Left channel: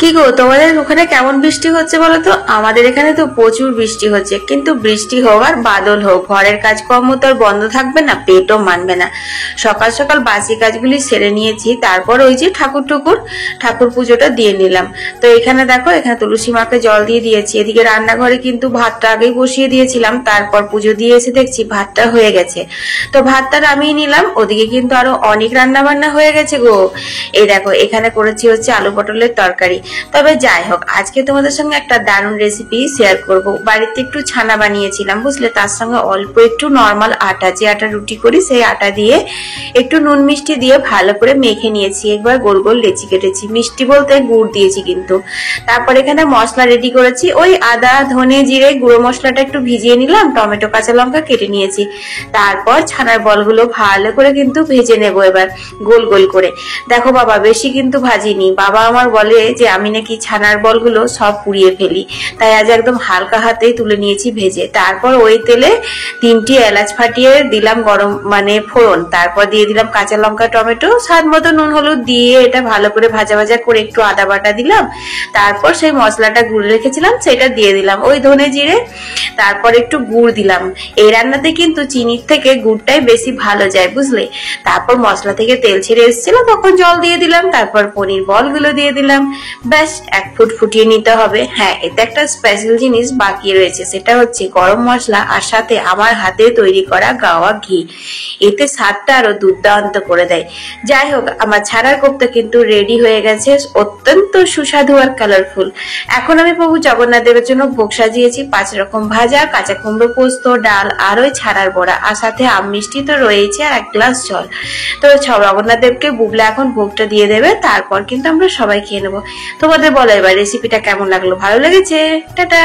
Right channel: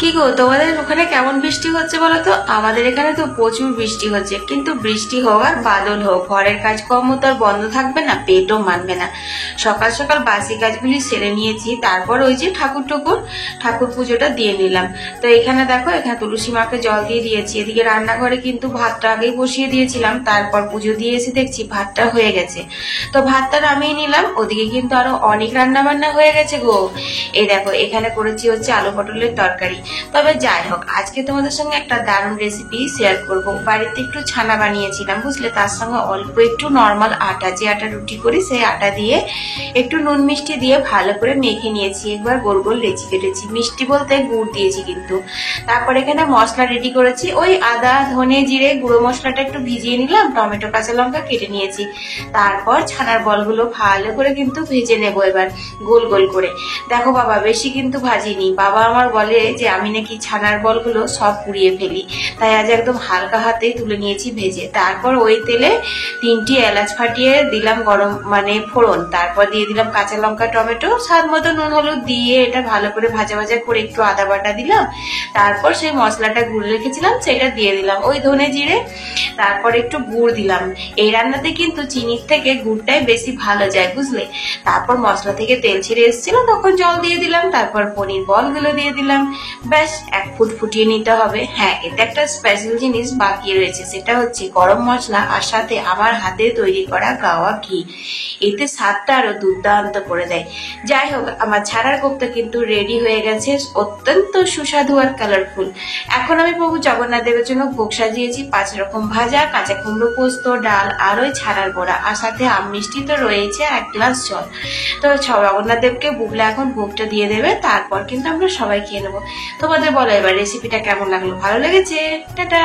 কি গো, তোমাদের ওখানে কেমন বৃষ্টি হচ্ছে বলো তো? আমাদের এখানে তো প্রচুর বৃষ্টি হচ্ছে, কিন্তু বৃষ্টি হোক আর বাদল হোক, ঘরের কাজকর্ম তো আর বন্ধ থাকবে না, পেটও মানবে না। সকাল সকাল বাসি কাজগুলি সেরে নিয়েছি, তারপর ওই যে ঠাকুর পুজোটা দিয়ে নিলাম। তো এখানে দেখো, এখানে তুলসী মাকে জল দিয়ে দিয়েছি। এদিকে রান্নাঘরে কিন্তু ভাতটা আগেই বসিয়ে দিয়েছিলাম, তারপর পুজো দিয়ে এসে দেখছি ভাতটা হয়ে গেছে। তো ভাতটা নামিয়ে নিলাম। ওদিকে কিন্তু আরো অনেক রান্না বান্না হয়ে গেছে গো। এই দেখো, এখানে করেছি হচ্ছে আলু পটলের তরকারি। তবে যাই হোক, আজকে তোমাদের সঙ্গে একটা দারুণ রেসিপি শেয়ার করব। বাড়িতে একটু ছানা বানিয়েছিলাম বুঝলে, তার সঙ্গে অল্প একটু নর্মাল আটা, যে আটা রুটি করি সেই আটা দিয়ে একটু নুন মিষ্টি দিয়ে ভালো করে মেখে নিয়েছি। একবার গোল গোল লেচি কেটেছি, মিষ্টি বলতে গুড় দিয়েছি কিন্তু। তারপর এখানে মশলা রেডি করেছি, ওই আদা ধনে জিরে গুঁড়ো মশলাটা একটু ভিজিয়ে নিলাম, টমেটো কাঁচা লঙ্কা কেটে নিয়েছি। তারপর ছানার বলগুলো ভালো করে কিন্তু ভেজে নেবো এবার গোল গোল করে। দেখো বাবা, বেশি কিন্তু ভাজিনি। বাবা আমার বলে যে আমি নাকি ছানার বলগুলো সব পুড়িয়ে ফেলি, তাই আজ একদম হালকা হাতেই তুলে নিয়েছি ভেজে। তারপর ওই তেলে 3টি এলাচ ফাটিয়ে দিলাম গরম মানে ফোড়ন, তারপর দিয়ে দিলাম কাঁচা লঙ্কা টমেটো, স্বাদ মতো নুন হলুদ দিয়ে এটা ভালো করে ভাজা ভাজা করে একটু আদা বাটা দিলাম। তারপর সেই মশলাটা গুঁড়ে রেখেছিলাম সেটা দিয়ে দিলাম, ওই ধনে জিরে। তারপর একটু গুড় দিলাম। এই রান্নাতে কিন্তু চিনির থেকে গুড়টাই বেশি ভালো যায় বুঝলে। তারপর মশলা থেকে তেল ছেড়ে এসেছিল, তখন জল দিয়ে দিলাম। তারপর পনির বলগুলো দিয়ে দিলাম। ব্যাস 1 ফুট ফুটিয়ে নিতে হবে। হ্যাঁ, এতে একটা স্পেশাল জিনিস বাকি রয়েছে, সেটা হচ্ছে গরম মশলা আর সাথে আমার হাতে তৈরি করা গাওয়া ঘি। এতে স্বাদটা আরো দুর্দান্ত করে দেয়। যাই হোক, আমার ছানার কোপ্তা কিন্তু রেডি হয়ে গেছে, অত্যন্ত সুস্বাদু আর কালারফুল। এখন আমি প্রভু জগন্নাথ দেবের জন্য ভোগ সাজিয়েছি 5 রকম ভাজা, কাঁচা কুমড়ো পোস্ত, ডাল আর ওই ছানার বড়া, আর সাথে আম মিষ্টি তো রয়েছে, আর 1 গ্লাস জল। তো জগন্নাথ দেবকে বুবলা এখন ভোগটা দিয়ে দেবে, তারপর কিন্তু আমরা সবাই খেয়ে নেবো। তোমাদের বলো এবার রেসিপিটা কেমন লাগলো? ভালো লেগেছে? টাটা।